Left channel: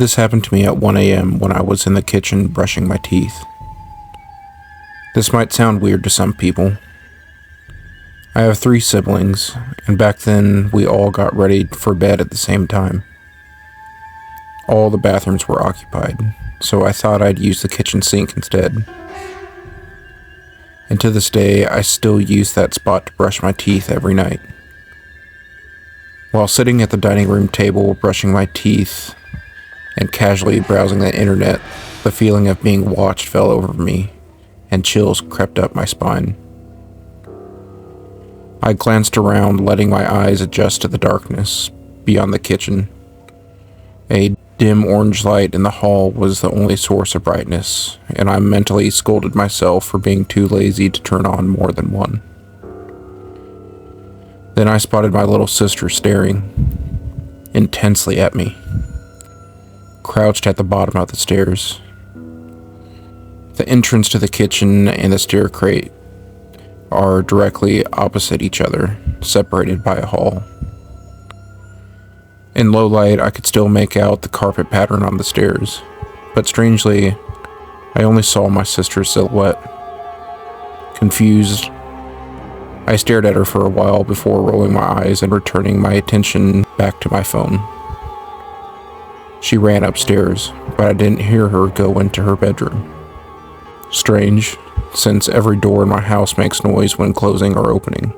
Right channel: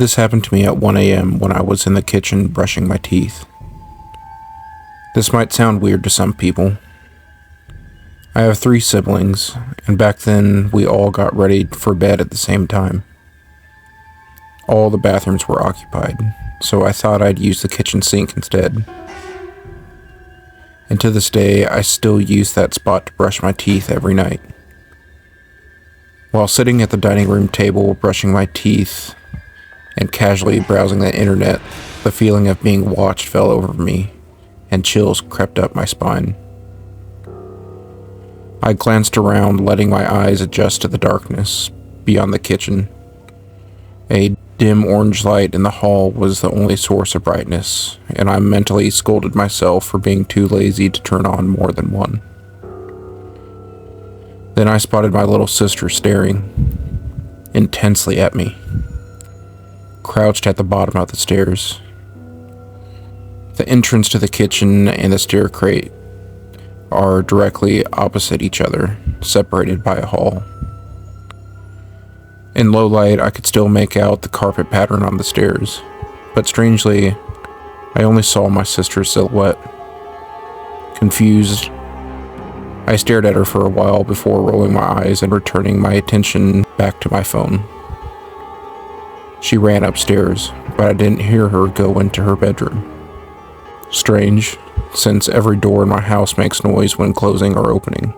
This happened to me at 1 a.m. when I was in the kitchen brushing my teeth. This might sound weird to some people. I have 3 siblings, and back then we all got ready for bed at the same time. All the bathrooms were occupied, so I thought I'd use the kitchen sink instead. And to this day, I still use that spot to brush my teeth every night. While sitting at the dining room table brushing my teeth and casually browsing the internet, the feeling of being watched fell over me, and chills crept up my spine. I glanced around, letting my eyes adjust to the darkness beyond the kitchen. A dim orange light in the hall was the only source of brightness, and I mentally scolded myself for being too lazy to turn on more than one. Then I spotted my little sister staring intensely at me, crouched at the bottom of the stairs. The entrance to the kitchen and the stair crate are directly opposite each other, separated by a hall. In low light, I could still make out the carpet pattern on the stairs, but strangely, I only saw my sister's silhouette. Confused, I stared at her for a while before rolling my eyes and returning my attention back to my phone. She ran upstairs, but I didn't hear her go into her bedroom. Strange, since every door in my house makes noise when closing or opening.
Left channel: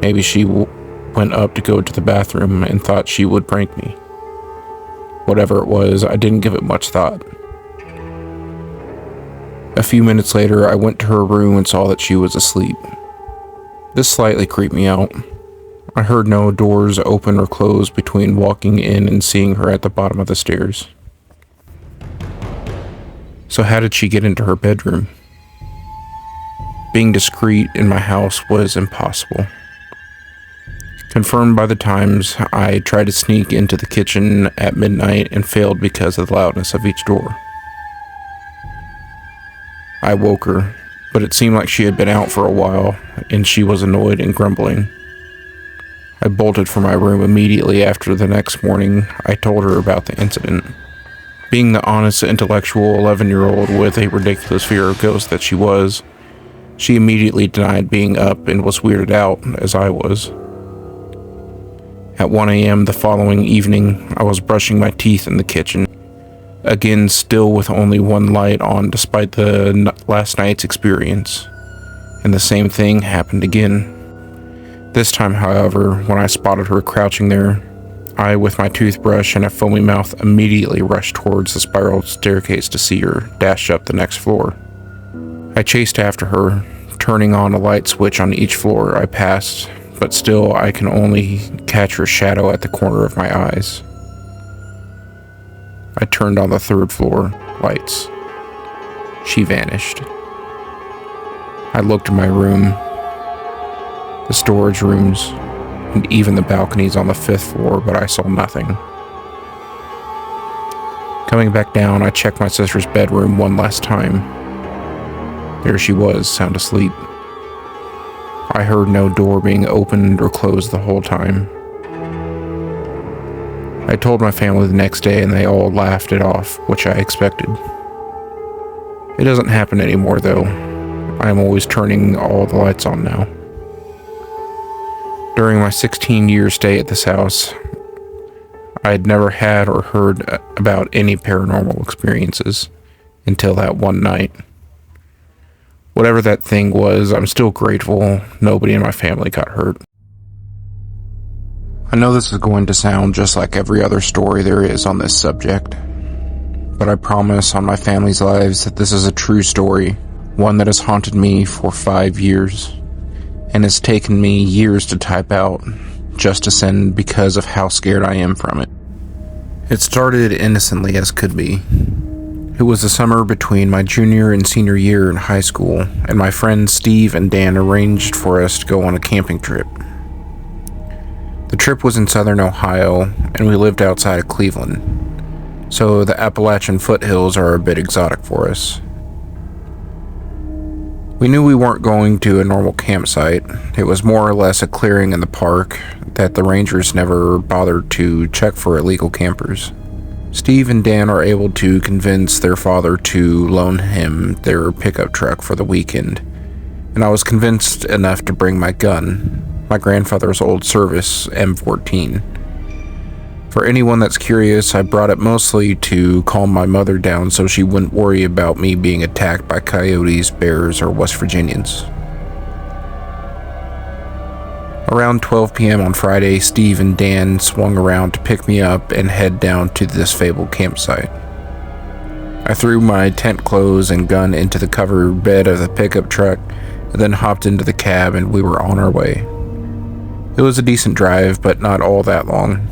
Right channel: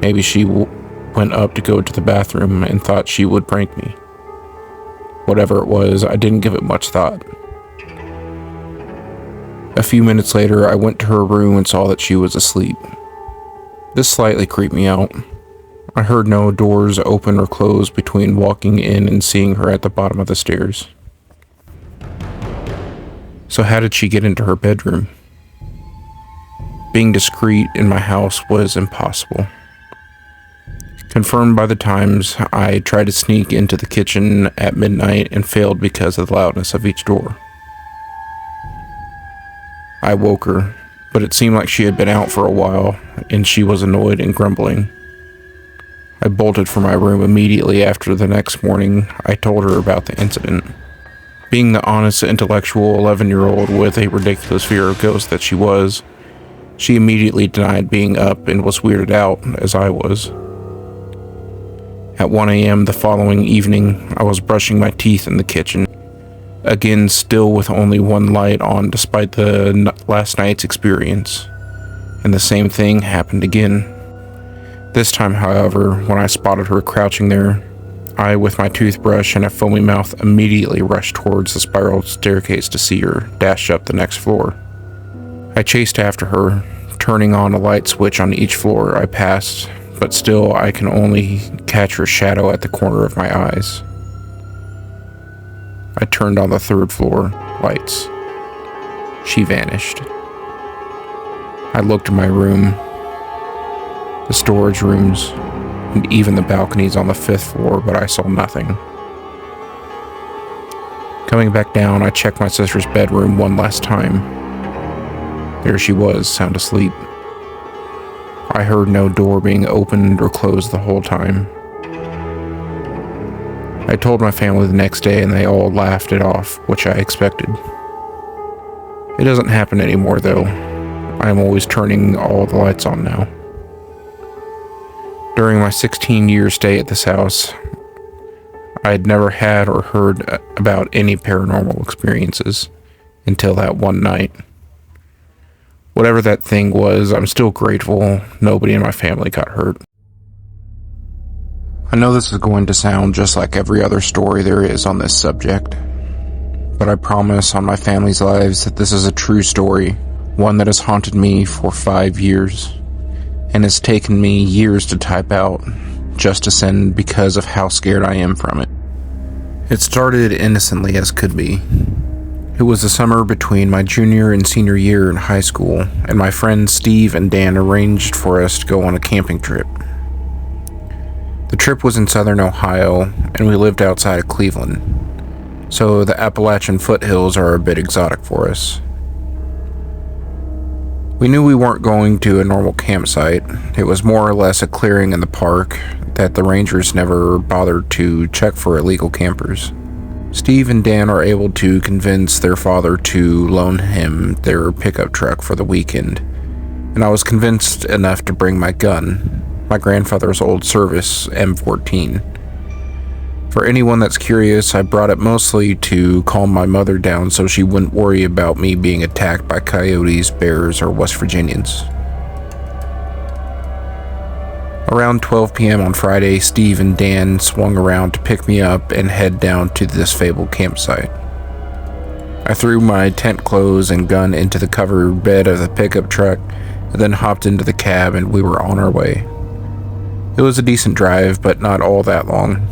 Maybe she went up to go to the bathroom and thought she would prank me. Whatever it was, I didn't give it much thought. A few minutes later, I went to her room and saw that she was asleep. This slightly creeped me out. I heard no doors open or close between walking in and seeing her at the bottom of the stairs. So how did she get into her bedroom? Being discreet in my house was impossible. Confirmed by the times, I tried to sneak into the kitchen at midnight and failed because of the loudness of each door. I woke her, but it seemed like she had been out for a while, and she was annoyed and grumbling. I bolted for my room immediately after. The next morning, I told her about the incident. Being the honest, intellectual 11-year-old with a ridiculous fear of ghosts that she was, she immediately denied being up and was weirded out, as I was. At 1 a.m. the following evening, I was brushing my teeth in the kitchen, again still with only one light on despite the last night's experience, and the same thing happened again. This time, however, when I spotted her crouching there, I, with my toothbrush and a foamy mouth, immediately rushed towards the spiral staircase to see her dash up the next floor. I chased after her, turning on a light switch on each floor I passed, but still I can only catch her shadow at the corner of my eyes. I turned on the 3rd floor lights. She vanished. I looked in my room, the storage rooms, and even the balconies on the 5th floor, but I saw nothing. Coming back down, I checked my sister's bedroom one last time. There she was, sound asleep. I heard no door being opened or closed the whole time. I told my family the next day and they all laughed it off, which I expected. It doesn't happen anymore though. I am always turning all the lights on now. During my 16-year stay at this house, I had never had or heard about any paranormal experiences until that one night. Whatever that thing was, I'm still grateful nobody in my family got hurt. I know this is going to sound just like every other story there is on this subject, but I promise on my family's lives that this is a true story, one that has haunted me for 5 years. And it's taken me years to type out, just to send because of how scared I am from it. It started innocently as could be. It was the summer between my junior and senior year in high school, and my friends Steve and Dan arranged for us to go on a camping trip. The trip was in southern Ohio, and we lived outside of Cleveland, so the Appalachian foothills are a bit exotic for us. We knew we weren't going to a normal campsite. It was more or less a clearing in the park that the rangers never bothered to check for illegal campers. Steve and Dan are able to convince their father to loan him their pickup truck for the weekend, and I was convinced enough to bring my gun, my grandfather's old service M14. For anyone that's curious, I brought it mostly to calm my mother down so she wouldn't worry about me being attacked by coyotes, bears, or West Virginians. Around 12 p.m. on Friday, Steve and Dan swung around to pick me up and head down to this fabled campsite. I threw my tent clothes and gun into the covered bed of the pickup truck and then hopped into the cab, and we were on our way. It was a decent drive, but not all that long.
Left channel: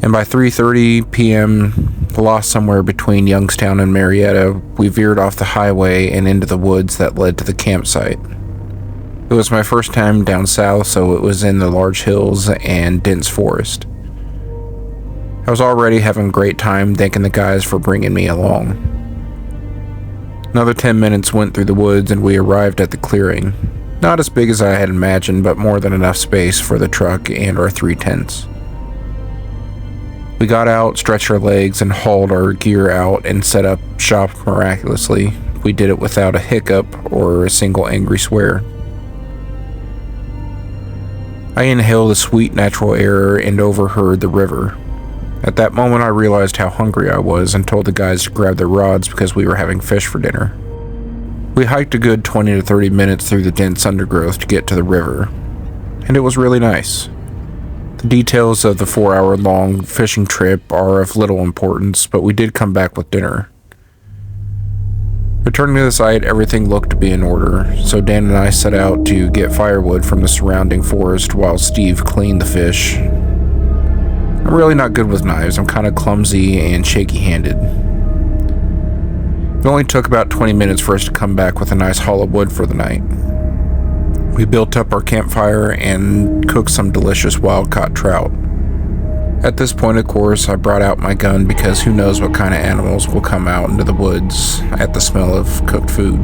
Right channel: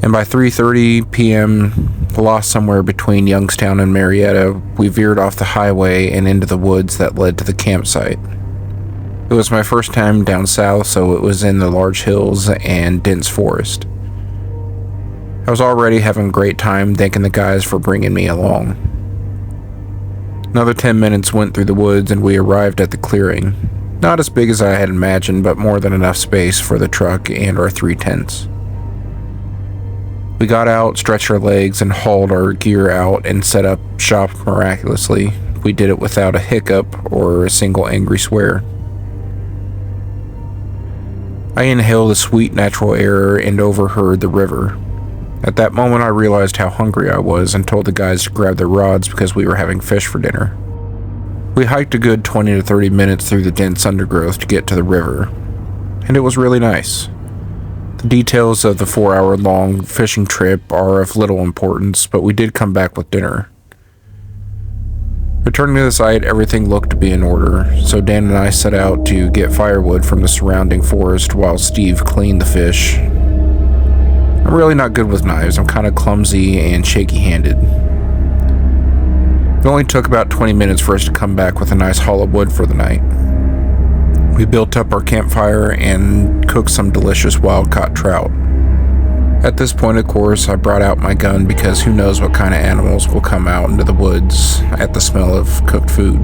And by 3:30 p.m., lost somewhere between Youngstown and Marietta, we veered off the highway and into the woods that led to the campsite. It was my first time down south, so it was in the large hills and dense forest. I was already having a great time, thanking the guys for bringing me along. Another 10 minutes went through the woods and we arrived at the clearing. Not as big as I had imagined, but more than enough space for the truck and our 3 tents. We got out, stretched our legs, and hauled our gear out and set up shop miraculously. We did it without a hiccup or a single angry swear. I inhaled the sweet natural air and overheard the river. At that moment I realized how hungry I was and told the guys to grab their rods because we were having fish for dinner. We hiked a good 20 to 30 minutes through the dense undergrowth to get to the river, and it was really nice. The details of the 4-hour-long fishing trip are of little importance, but we did come back with dinner. Returning to the site, everything looked to be in order, so Dan and I set out to get firewood from the surrounding forest while Steve cleaned the fish. I'm really not good with knives. I'm kind of clumsy and shaky-handed. It only took about 20 minutes for us to come back with a nice haul of wood for the night. We built up our campfire and cooked some delicious wild-caught trout. At this point, of course, I brought out my gun because who knows what kind of animals will come out into the woods at the smell of cooked food.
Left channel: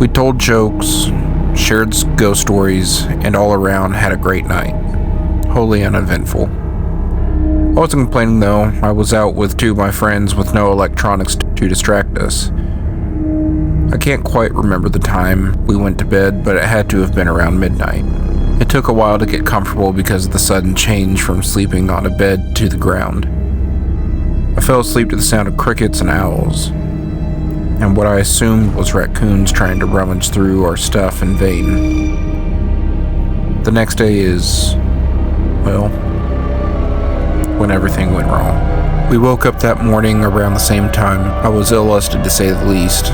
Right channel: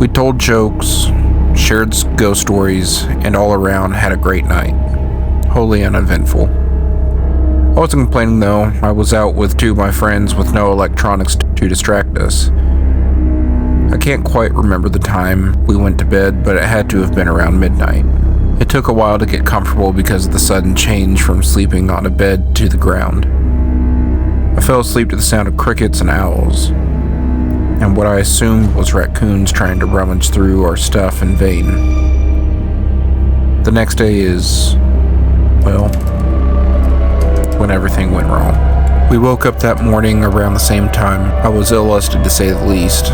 We told jokes, shared ghost stories, and all around had a great night. Wholly uneventful. I wasn't complaining though. I was out with 2 of my friends with no electronics to distract us. I can't quite remember the time we went to bed, but it had to have been around midnight. It took a while to get comfortable because of the sudden change from sleeping on a bed to the ground. I fell asleep to the sound of crickets and owls, and what I assumed was raccoons trying to rummage through our stuff in vain. The next day is, well, when everything went wrong. We woke up that morning around the same time. I was ill-lusted to say the least.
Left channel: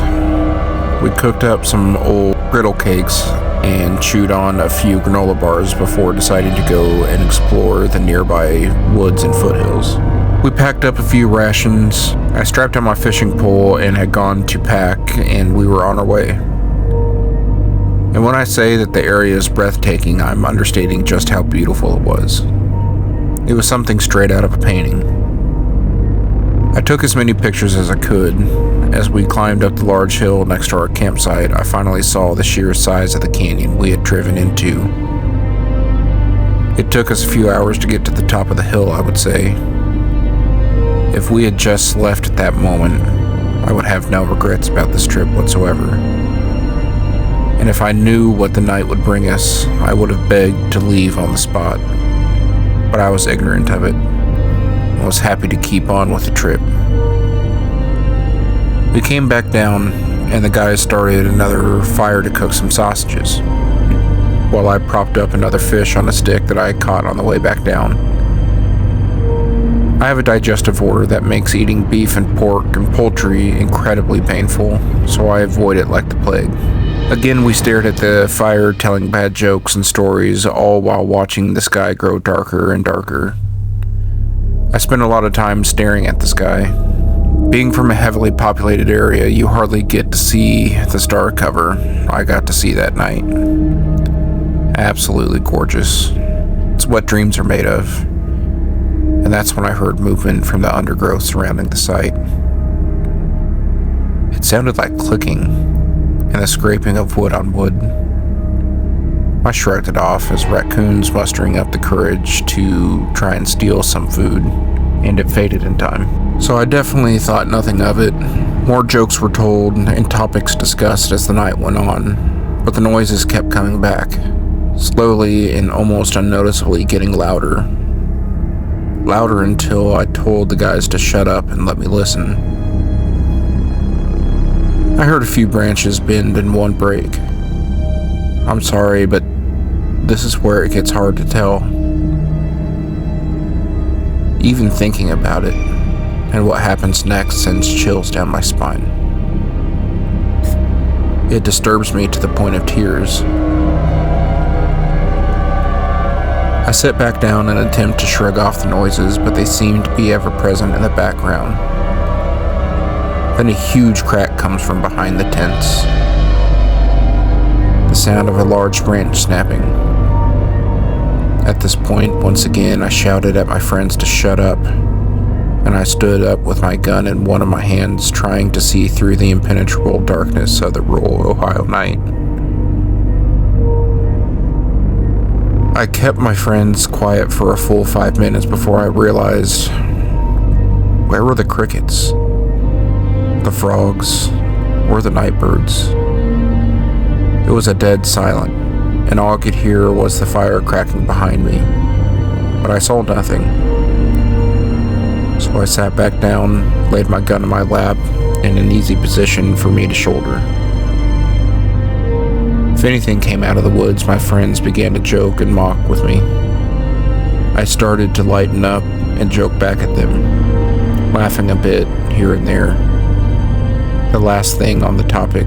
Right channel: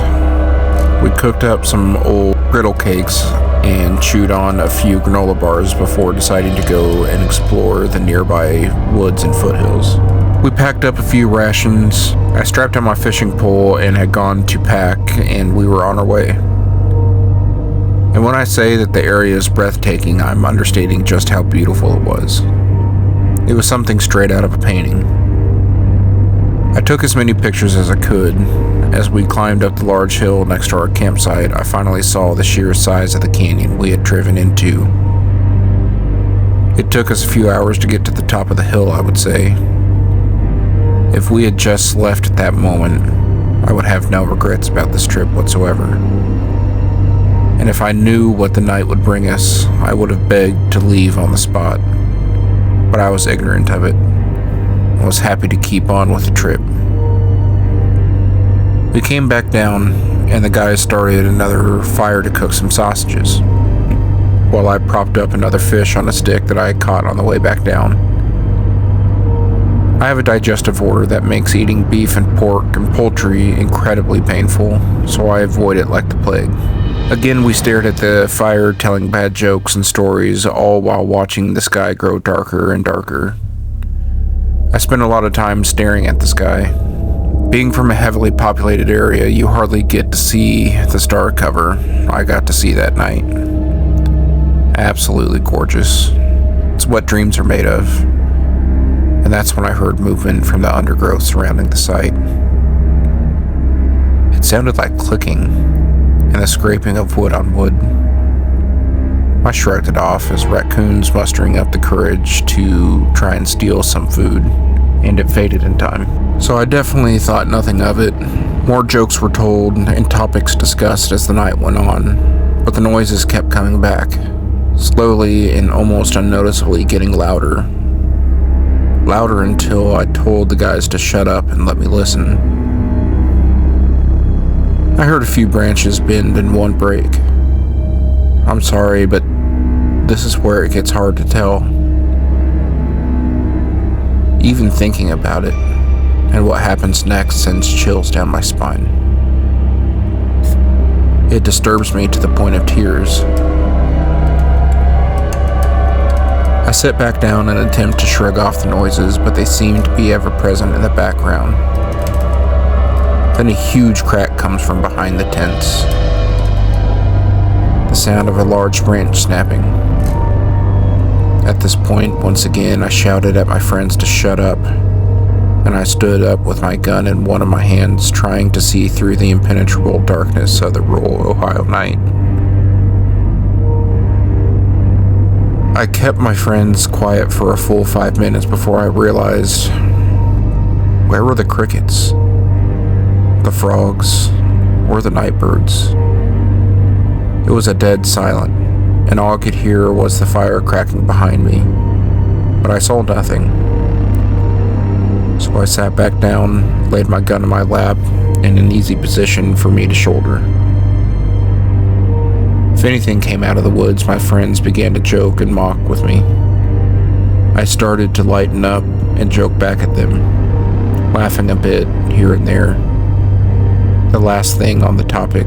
We cooked up some old griddle cakes and chewed on a few granola bars before deciding to go and explore the nearby woods and foothills. We packed up a few rations. I strapped on my fishing pole and had gone to pack, and we were on our way. And when I say that the area is breathtaking, I'm understating just how beautiful it was. It was something straight out of a painting. I took as many pictures as I could. As we climbed up the large hill next to our campsite, I finally saw the sheer size of the canyon we had driven into. It took us a few hours to get to the top of the hill, I would say. If we had just left at that moment, I would have no regrets about this trip whatsoever. And if I knew what the night would bring us, I would have begged to leave on the spot. But I was ignorant of it. I was happy to keep on with the trip. We came back down, and the guys started another fire to cook some sausages, while I propped up another fish on a stick that I had caught on the way back down. I have a digestive order that makes eating beef and pork and poultry incredibly painful, so I avoid it like the plague. Again, we stared at the fire, telling bad jokes and stories, all while watching the sky grow darker and darker. I spent a lot of time staring at the sky. Being from a heavily populated area, you hardly get to see the star cover I got to see that night. Absolutely gorgeous. It's what dreams are made of. And that's when I heard movement from the undergrowth surrounding the site. It sounded like clicking and the scraping of wood on wood. I shrugged it off as raccoons mustering up the courage to try and steal some food and it faded in time. So I definitely thought nothing of it. More jokes were told and topics discussed as the night went on, but the noises kept coming back, slowly and almost unnoticeably getting louder. Louder until I told the guys to shut up and let me listen. I heard a few branches bend and one break. I'm sorry, but this is where it gets hard to tell. Even thinking about it and what happens next sends chills down my spine. It disturbs me to the point of tears. I sit back down and attempt to shrug off the noises, but they seem to be ever present in the background. Then a huge crack comes from behind the tents. The sound of a large branch snapping. At this point, once again, I shouted at my friends to shut up, and I stood up with my gun in one of my hands, trying to see through the impenetrable darkness of the rural Ohio night. I kept my friends quiet for a full 5 minutes before I realized, where were the crickets? The frogs? Or the night birds? It was a dead silent, and all I could hear was the fire cracking behind me. But I saw nothing. So I sat back down, laid my gun in my lap, in an easy position for me to shoulder. If anything came out of the woods, my friends began to joke and mock with me. I started to lighten up and joke back at them, laughing a bit here and there. The last thing on the topic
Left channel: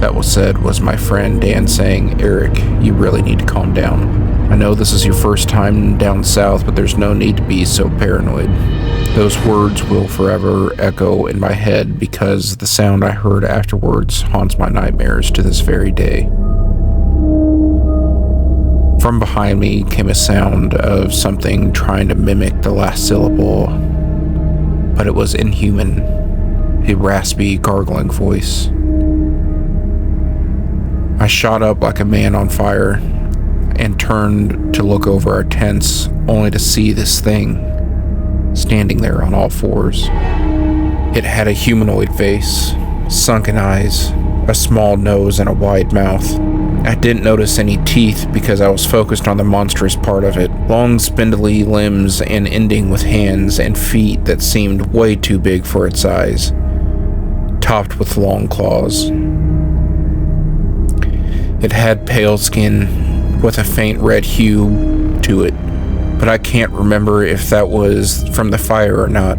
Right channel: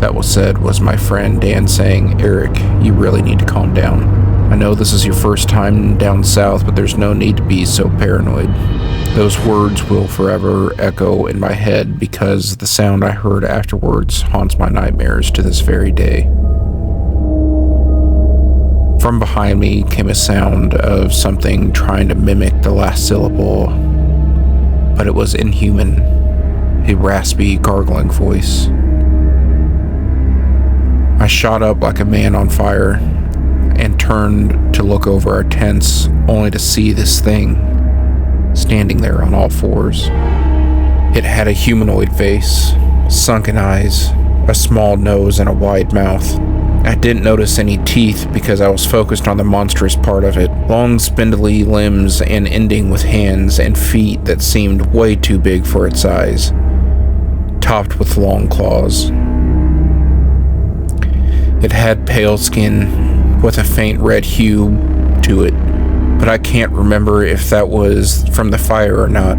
that was said was my friend Dan saying, "Eric, you really need to calm down. I know this is your first time down south, but there's no need to be so paranoid." Those words will forever echo in my head because the sound I heard afterwards haunts my nightmares to this very day. From behind me came a sound of something trying to mimic the last syllable, but it was inhuman, a raspy, gargling voice. I shot up like a man on fire and turned to look over our tents, only to see this thing standing there on all fours. It had a humanoid face, sunken eyes, a small nose, and a wide mouth. I didn't notice any teeth because I was focused on the monstrous part of it. Long, spindly limbs and ending with hands and feet that seemed way too big for its size, topped with long claws. It had pale skin with a faint red hue to it, but I can't remember if that was from the fire or not.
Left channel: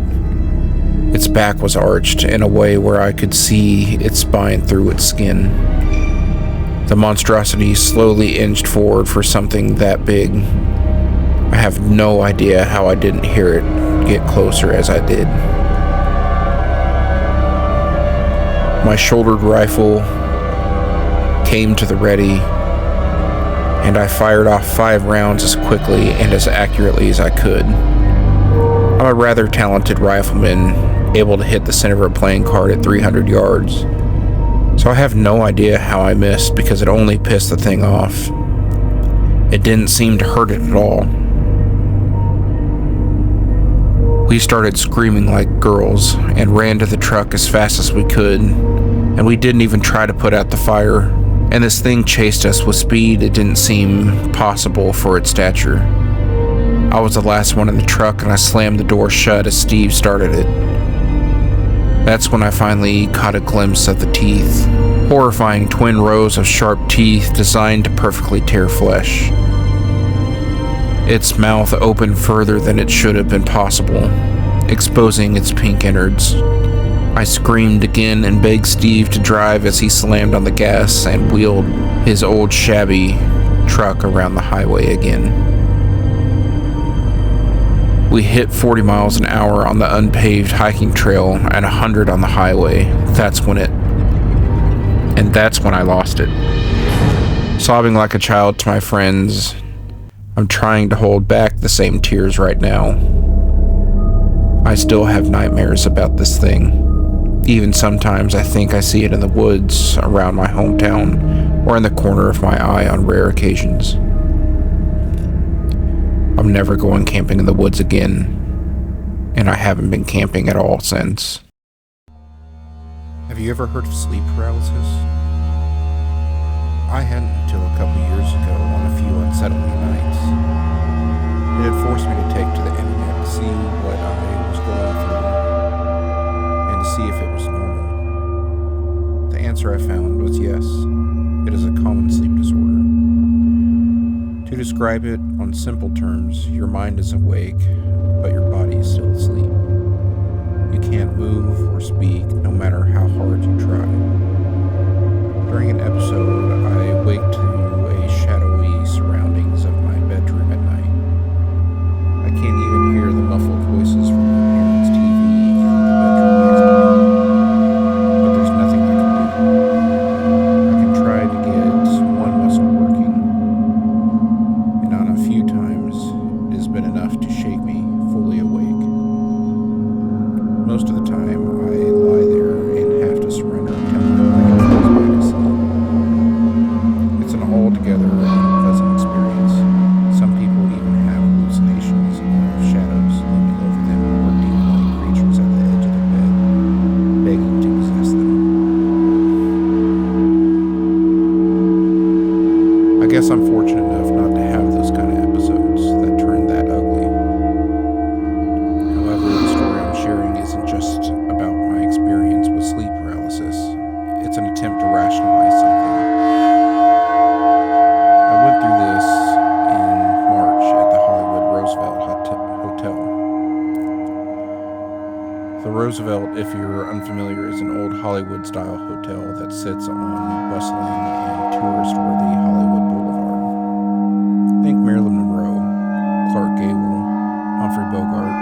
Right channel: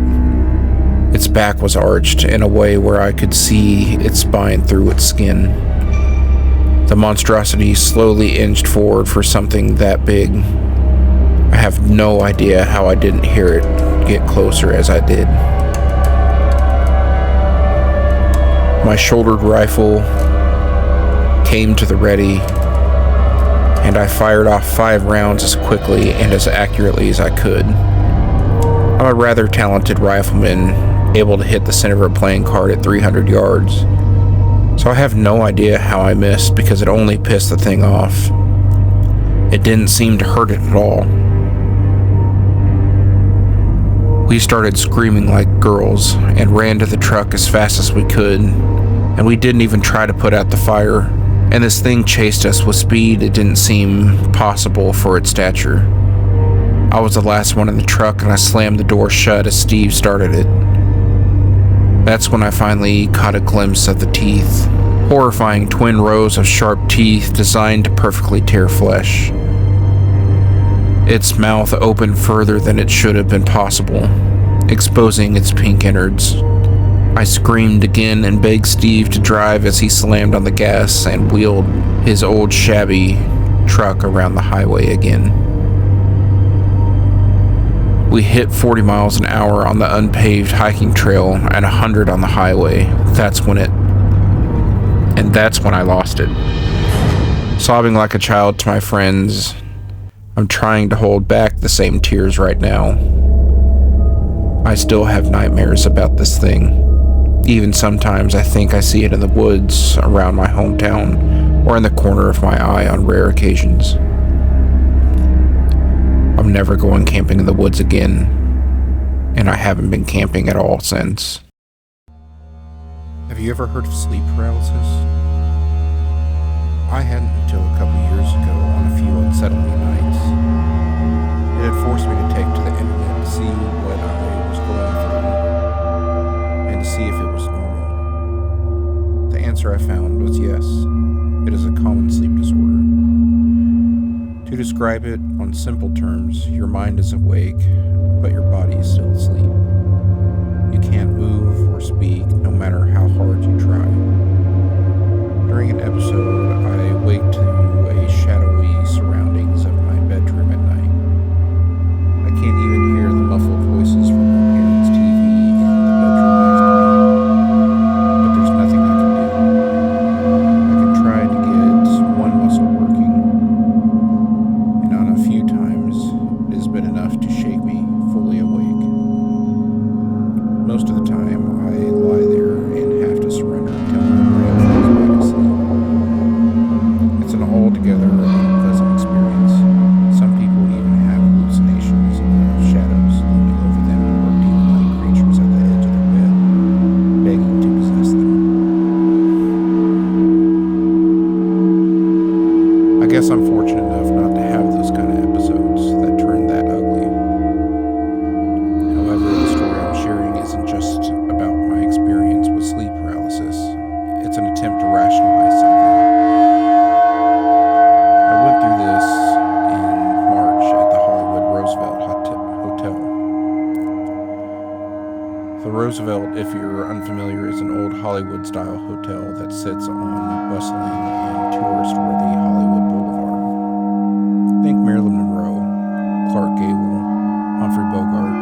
Its back was arched in a way where I could see its spine through its skin. The monstrosity slowly inched forward for something that big. I have no idea how I didn't hear it get closer as I did. My shouldered rifle came to the ready, and I fired off 5 rounds as quickly and as accurately as I could. I'm a rather talented rifleman, able to hit the center of a playing card at 300 yards, so I have no idea how I missed because it only pissed the thing off. It didn't seem to hurt it at all. We started screaming like girls and ran to the truck as fast as we could, and we didn't even try to put out the fire. And this thing chased us with speed it didn't seem possible for its stature. I was the last one in the truck, and I slammed the door shut as Steve started it. That's when I finally caught a glimpse of the teeth. Horrifying twin rows of sharp teeth designed to perfectly tear flesh. Its mouth opened further than it should have been possible, exposing its pink innards. I screamed again and begged Steve to drive as he slammed on the gas and wheeled his old shabby truck around the highway again. We hit 40 miles an hour on the unpaved hiking trail and 100 on the highway. That's when I lost it. Sobbing like a child to my friends, I'm trying to hold back the same tears right now. I still have nightmares about this thing. Even sometimes I think I see it in the woods around my hometown or in the corner of my eye on rare occasions. I'm I'm never going camping in the woods again, and I haven't been camping at all since. Have you ever heard of sleep paralysis? I hadn't until a couple years ago on a few unsettling nights. It had forced me to take to the internet to see what I was going through and to see if it was normal. The answer I found was yes, it is a common sleep disorder. To describe it on simple terms, your mind is awake, but your body is still asleep. You can't move or speak no matter how hard you try. During an episode, I wake to a shadowy surroundings of my bedroom at night. I can't even hear the muffled voices from my parents' TV in the bedroom next to me. But there's nothing I can do. I can try to get one muscle working, and on a few times, it has been enough to shake me fully awake. Most of the time, I lie there and have to surrender until my brain falls back asleep. It's an altogether unpleasant experience. Some people even have hallucinations of shadows looming over them or demon-like creatures at the edge of their bed, begging to possess them. I guess I'm fortunate enough not to have those kind of episodes that turn that ugly. However, the story I'm sharing isn't just about my experience with sleep paralysis. It's an attempt to rationalize something. I went through this in March at the Hollywood Roosevelt Hotel. The Roosevelt, if you're unfamiliar, is an old Hollywood-style hotel that sits on bustling and tourist-worthy Hollywood Boulevard. Think Marilyn Monroe, Clark Gable, Humphrey Bogart.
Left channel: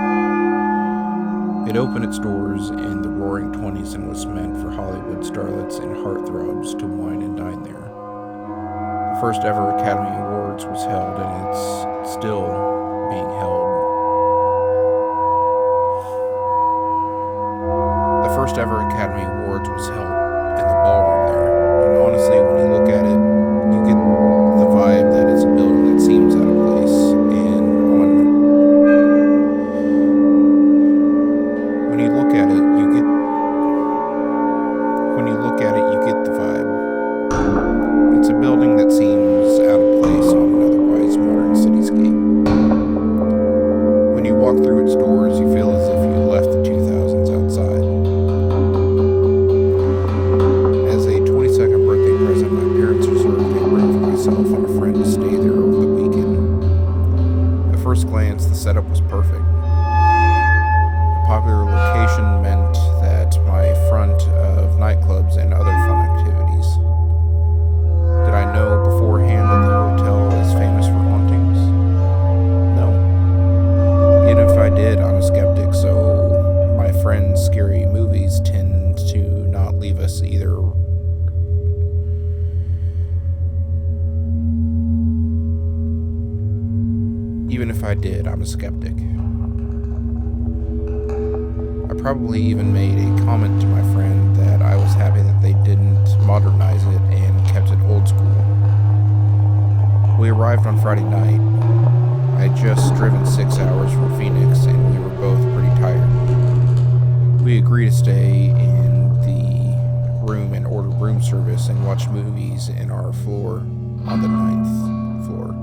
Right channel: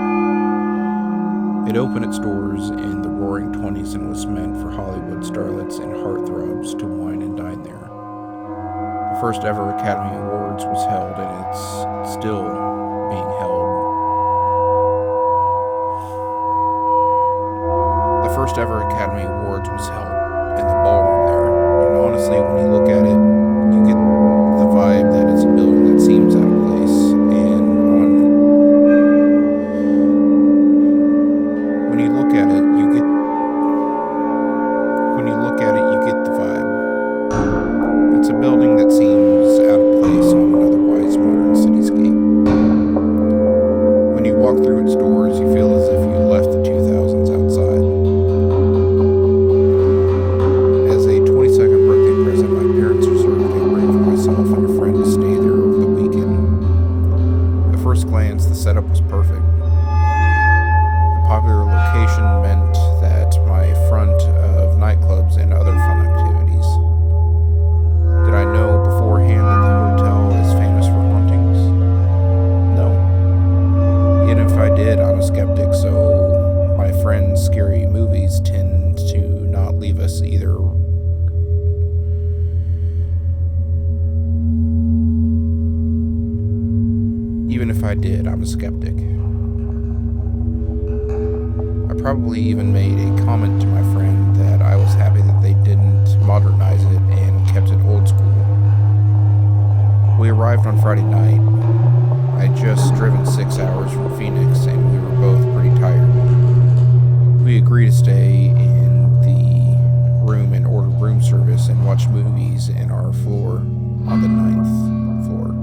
It opened its doors in the roaring 20s and was meant for Hollywood starlets and heartthrobs to wine and dine there. The first ever Academy Awards was held, and it's still being held. The first ever Academy Awards was held in the ballroom there, and honestly, when you look at it, you get the vibe that it's a building that seems out of place, and when you look at it, you get the vibe. It's a building that seems out of place on an otherwise modern cityscape. When you walk through its doors, you feel as if you left the 2000s outside. As a 22nd birthday present, my parents reserved a room for myself and a friend to stay there over the weekend. At first glance, the setup was perfect. Popular location meant that my front of nightclubs and other fun activities. Did I know beforehand that the hotel is famous for hauntings? No. Even if I did, I'm a skeptic, so my friends' scary movies tend to not leave us either. Even if I did, I'm a skeptic. I probably even made a comment to my friend that I was happy that they didn't modernize it and kept it old school. We arrived on Friday night. I had just driven 6 hours from Phoenix and we were both pretty tired. We agreed to stay in the room and order room service and watch movies in our floor on the 9th floor.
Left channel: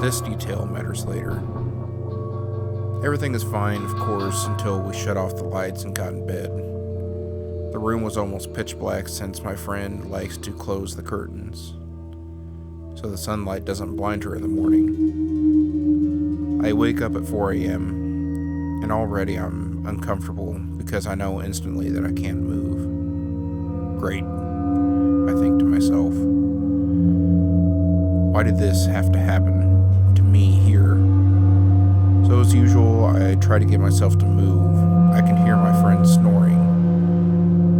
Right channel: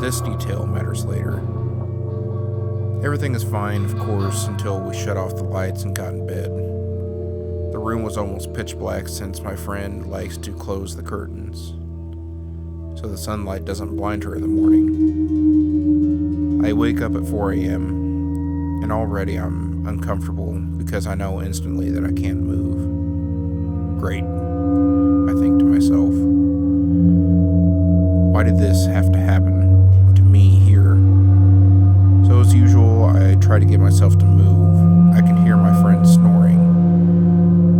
This detail matters later. Everything is fine, of course, until we shut off the lights and got in bed. The room was almost pitch black since my friend likes to close the curtains, so the sunlight doesn't blind her in the morning. I wake up at 4 a.m., and already I'm uncomfortable because I know instantly that I can't move. Great, I think to myself. Why did this have to happen to me here? So as usual, I try to get myself to move. I can hear my friend snoring.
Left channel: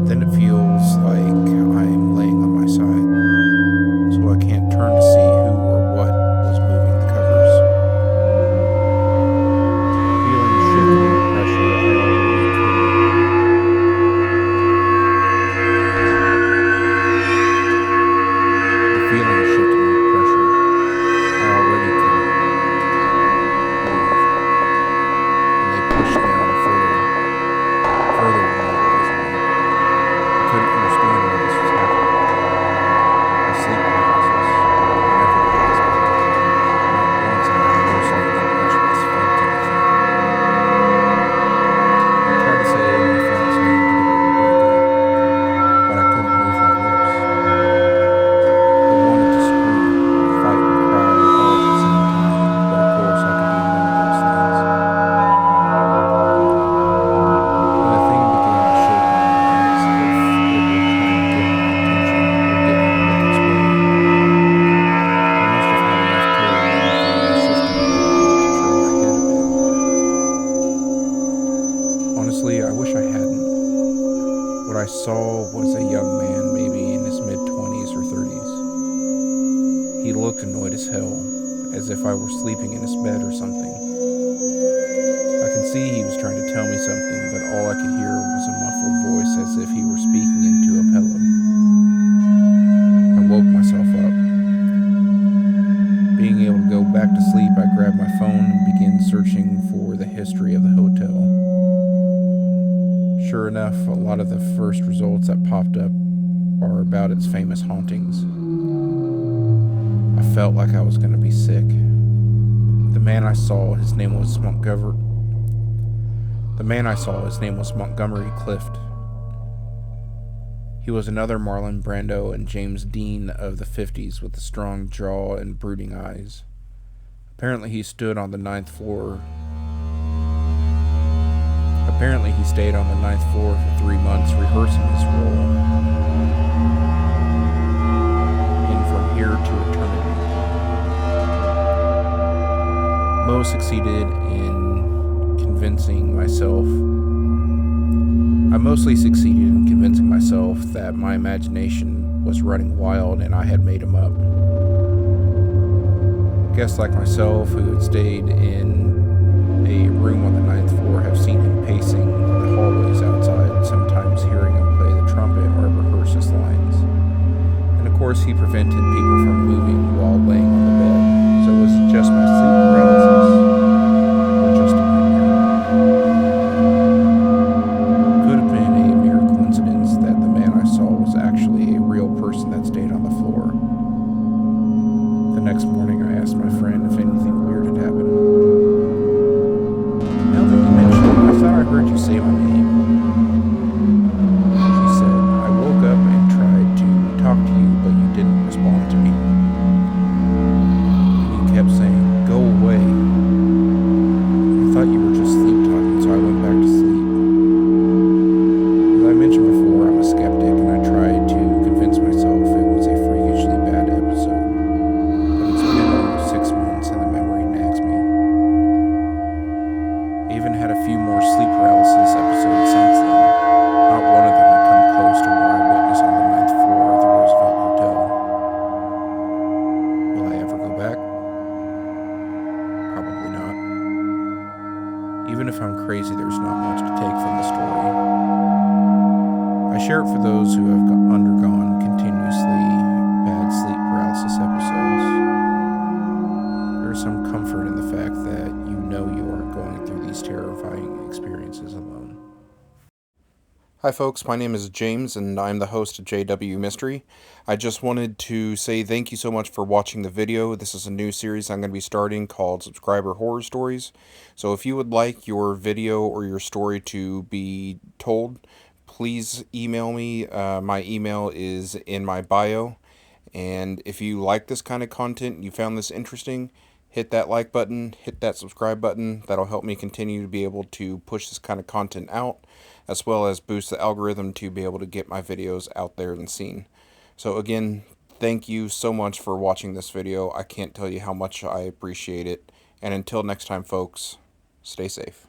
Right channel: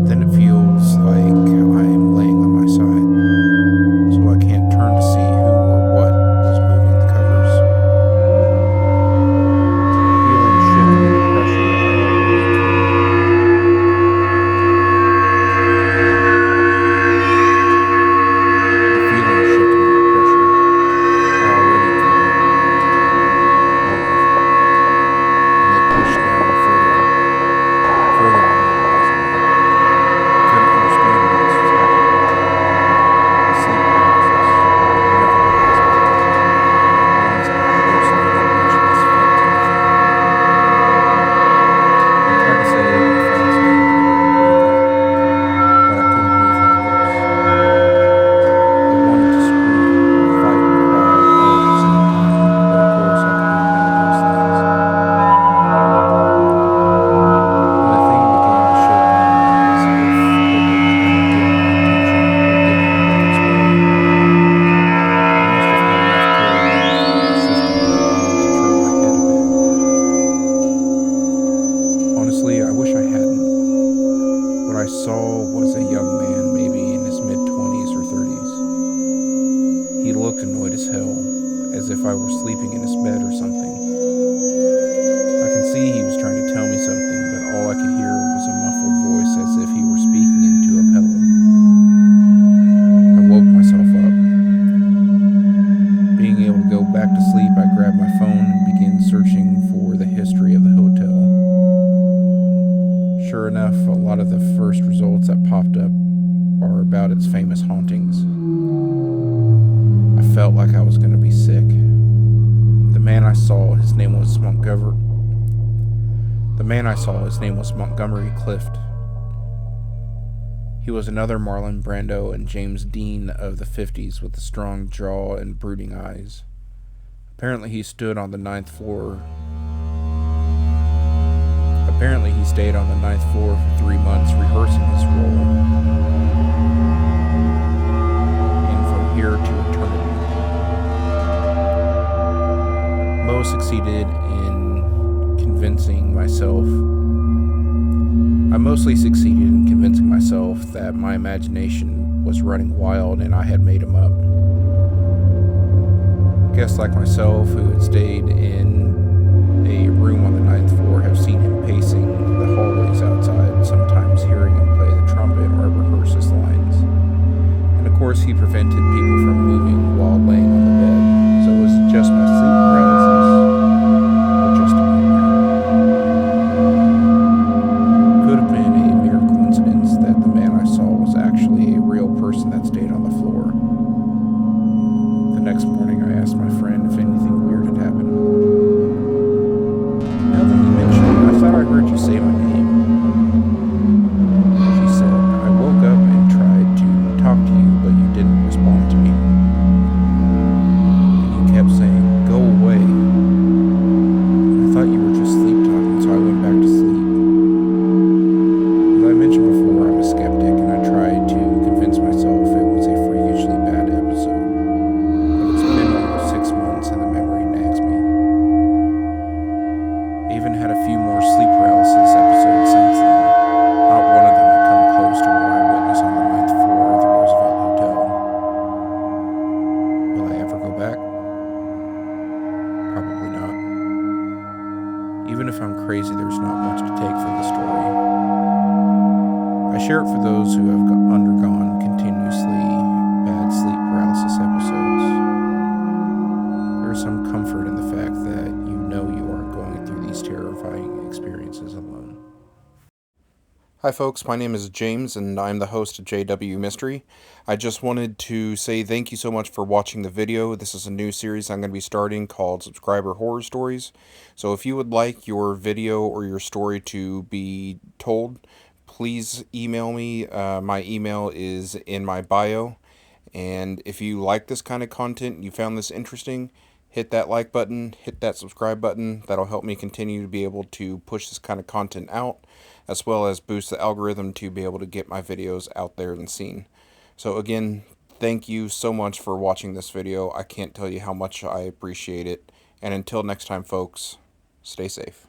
Then it feels like I'm laying on my side, so I can't turn to see who or what was moving the covers. Feeling shifted into pressure I already couldn't. The feeling shifted into pressure I already couldn't move, and they pushed down further immobilizing me. I couldn't understand why this was happening. My sleep paralysis. I never got this bad. Not once had I hallucinated, much less felt anything. I tried to say my friend's name to get her to wake up, but I couldn't move my lips. I wanted to scream, fight, and cry all at the same time, but of course I could do none of those things. When the thing began to shake me as if it were trying to get my attention or get me to look its way, I must have had enough terror running through my system to get me to turn my head a bit. Honestly, I wish I hadn't. What I saw was a young man, maybe in his mid-20s or 30s. He looked annoyed as hell, as if I were sleeping in his bed or something. I can see he was trying to tell me something, but all I could hear was a muffled voice as if he were speaking into a pillow. I woke myself up. Being able to go back to sleep, I grabbed my phone and began searching for the history of the hotel. Sure enough, a lot of the first results that popped up are about its famous hauntings. I felt like I was going to be sick. The man I saw, his name was Montgomery Clift. He was another Marlon Brando and James Dean of the 50s with a strong jaw and brooding eyes. Apparently he stayed on the ninth floor for 3 months rehearsing his role in From Here to Eternity. I mostly succeeded in convincing myself that my imagination was running wild and I had made him up. Guests like myself who had stayed in a room on the ninth floor have seen him pacing the hallways outside, sometimes hearing him play the trumpet or rehearse his lines. And of course he prevented people from moving while laying on the bed. So was it just my sleep paralysis or just a nightmare? Could have been a mere coincidence that the man I saw was actually a real person that stayed on the floor. The next morning I asked my friend if anything weird had happened. Now that you mention it, I thought I heard you say my name. She said, I woke up and tried to talk to you, but you didn't respond to me. And you kept saying, go away. I thought you were just sleep talking, so I went back to sleep. As I mentioned before, I'm a skeptic, and I tried to convince myself it was a freakishly bad episode. But it's been almost 6 months, and the memory nags me. I even had a few more sleep paralysis episodes since then. Not one of them had come close to what I witnessed on the 9th floor of the Roosevelt Hotel. Will I ever go back? Probably not. Even if I'm crazy, there's not much to take from the story. I share it for those who have undergone continuously bad sleep paralysis episodes. There's some comfort in the fact that you know you aren't going through these terrifying experiences alone. Hi folks, my name is James and I'm the host of JW Mystery. I just wanted to say thank you so much for watching the video. This is a new series I'm going to be starting called Subscriber Horror Stories. So if you would like your video or your story to be told, please email me. My email is in my bio. And if you like this kind of content and you found this interesting, hit that like button, hit that subscribe button. That'll help me continue to be able to push this kind of content out, as well as boost the algorithm to be able to get my videos out there and seen. So again, thank you so much for watching this video. I can't tell you how much I appreciate it. And until next time, folks, stay safe.